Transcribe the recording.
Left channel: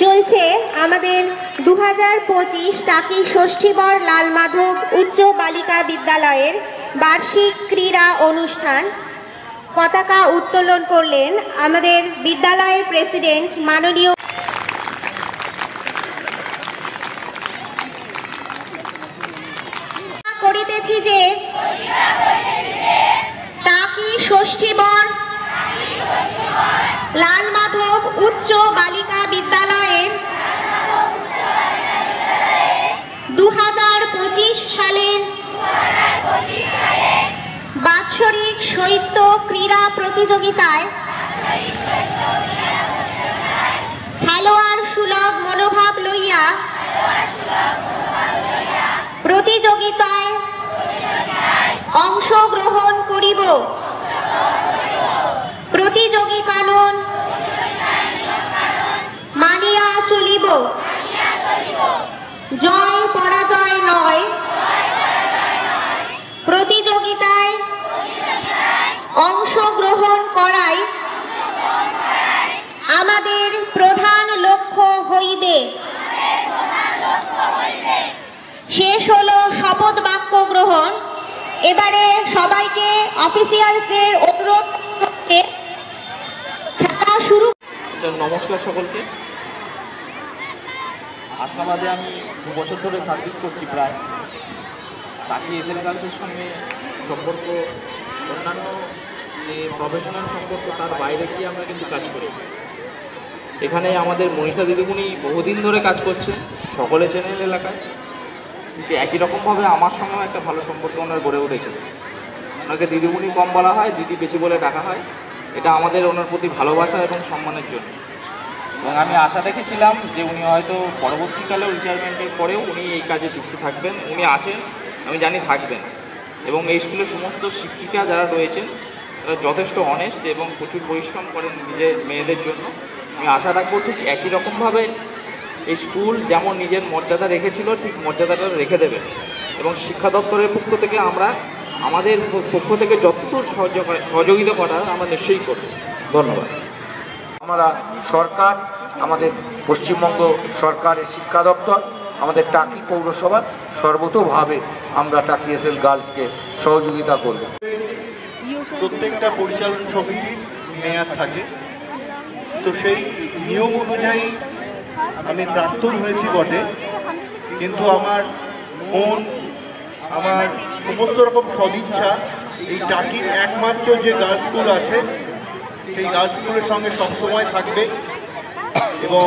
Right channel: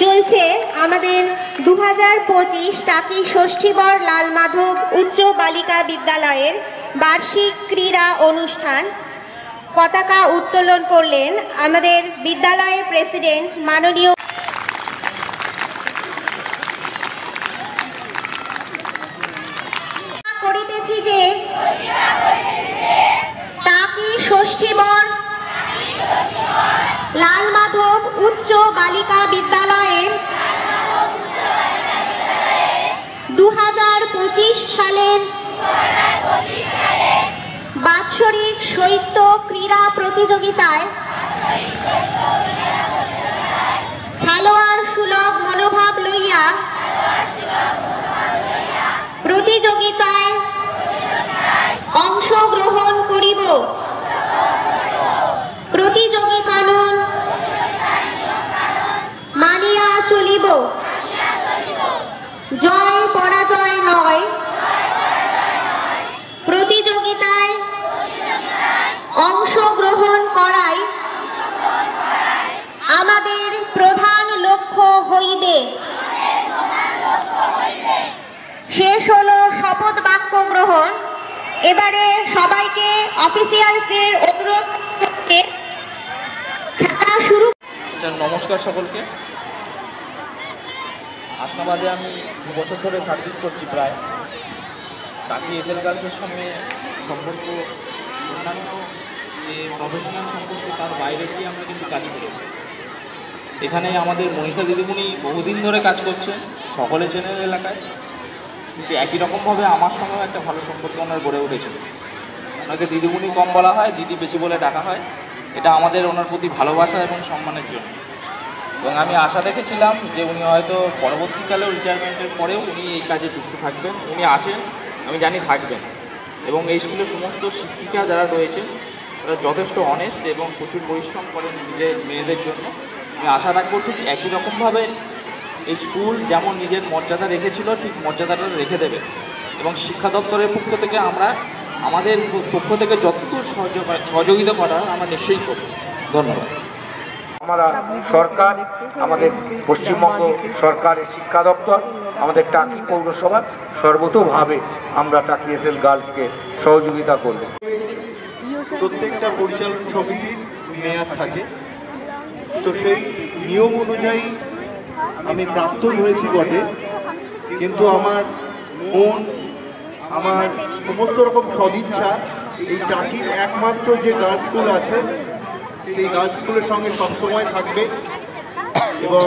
চলছে আমাদের 2025 টাকি ষষ্ঠীবর লাল মাধব উচ্চ বালিকা বিদ্যালয়ের বার্ষিক ক্রীড়া অনুষ্ঠান। পতাকা উত্তোলন করলেন আমাদের বিদ্যালয়ের প্রেসিডেন্ট মাননীয় করিতেছি যে টাকি ষষ্ঠীবর লাল মাধব উচ্চ বালিকা বিদ্যালয়ের 2025 সালের বাৎসরিক সাহিত্য ক্রীড়া প্রতিযোগিতায় খেলোয়াড় সুলভ মনোভাব লইয়া প্রতিযোগিতায় অংশগ্রহণ করিব। প্রতিযোগিতানন মানিয়া চলিব। জয় পরাজয় নয়, প্রতিযোগিতায় অংশগ্রহণ করাই আমাদের প্রধান লক্ষ্য হইবে। শেষ হলো শপথ বাক্য গ্রহণ। এবারে সবাইকে অফিসিয়ালসদের অনুরোধ করতে খেলা শুরু। নমস্কার সকলকে। আশাবাদে আমি 2 বছর ধরে সার্ভিস করছি প্রায়। টাকি এসএল গার্লসের সঙ্গে সম্পর্ক অন্যান্য যে প্রফেশনাল সম্পর্ক তার বাইরে দিয়ে আমরা কিন্তু কাজ করি। এখানে আমাদের মনীষা দিদিমণি বহুদিন ধরে কাজ করছেন, সকলে চেনেন এলাকায়, কিন্তু একই রকমভাবে আমার সঙ্গেও একটা ভালো সম্পর্ক ওনার গড়ে উঠেছিল। ওনাকে দিদিমণি কম বলা হয়, দিদি বেশি বলে ডাকা হয়। এটা আমাদের ওনার প্রতি ভালোবাসা এবং সম্মানের জন্য। এবং আমি আশা রেখেছিলাম যে উনি হয়তো পরবর্তীকালেও রিটায়ারমেন্টের পরেও উনি এই কাজে যুক্ত থাকবেন। উনি আছেন, আমি জানি থাকবেন। এবং এই স্কুলের সমস্ত শিক্ষিকা যারা রয়েছেন তারা যথেষ্ট অনেস্ট এবং প্রচুর পরিশ্রম করেন নিজের মেয়েদের জন্য। আমি আশা রাখবো ঠিক একই রকমভাবে এই স্কুল যেমন নিজের মর্যাদা রেখেছিল ঠিক মর্যাদাটা রেখে দেবে। এবং শিক্ষা দপ্তরের পক্ষ থেকে আমরা আমাদের পক্ষ থেকে যতদূর সহযোগিতা করার আমরা নিশ্চয়ই করব। ধন্যবাদ। আমরা সরকার, আমাদের পশ্চিমবঙ্গ সরকারের শিক্ষা দপ্তর, আমাদের টাকি পৌরসভা সর্বতোভাবে আমরা টাকি এসএল গার্লসকে সহযোগিতা করব। প্রত্যেকটা পরিচালন সমিতির মেয়াদ থাকে, তো সেই নিয়ম অনুযায়ী আমি প্রাক্তন হয়েছি বটে, কিন্তু আমার মন, আমার সমস্ত রকম সদিচ্ছা এই টাকির একমাত্র যে গার্লস স্কুল আছে সেই গার্লস স্কুলের সঙ্গে সবসময় থাকবে। এবং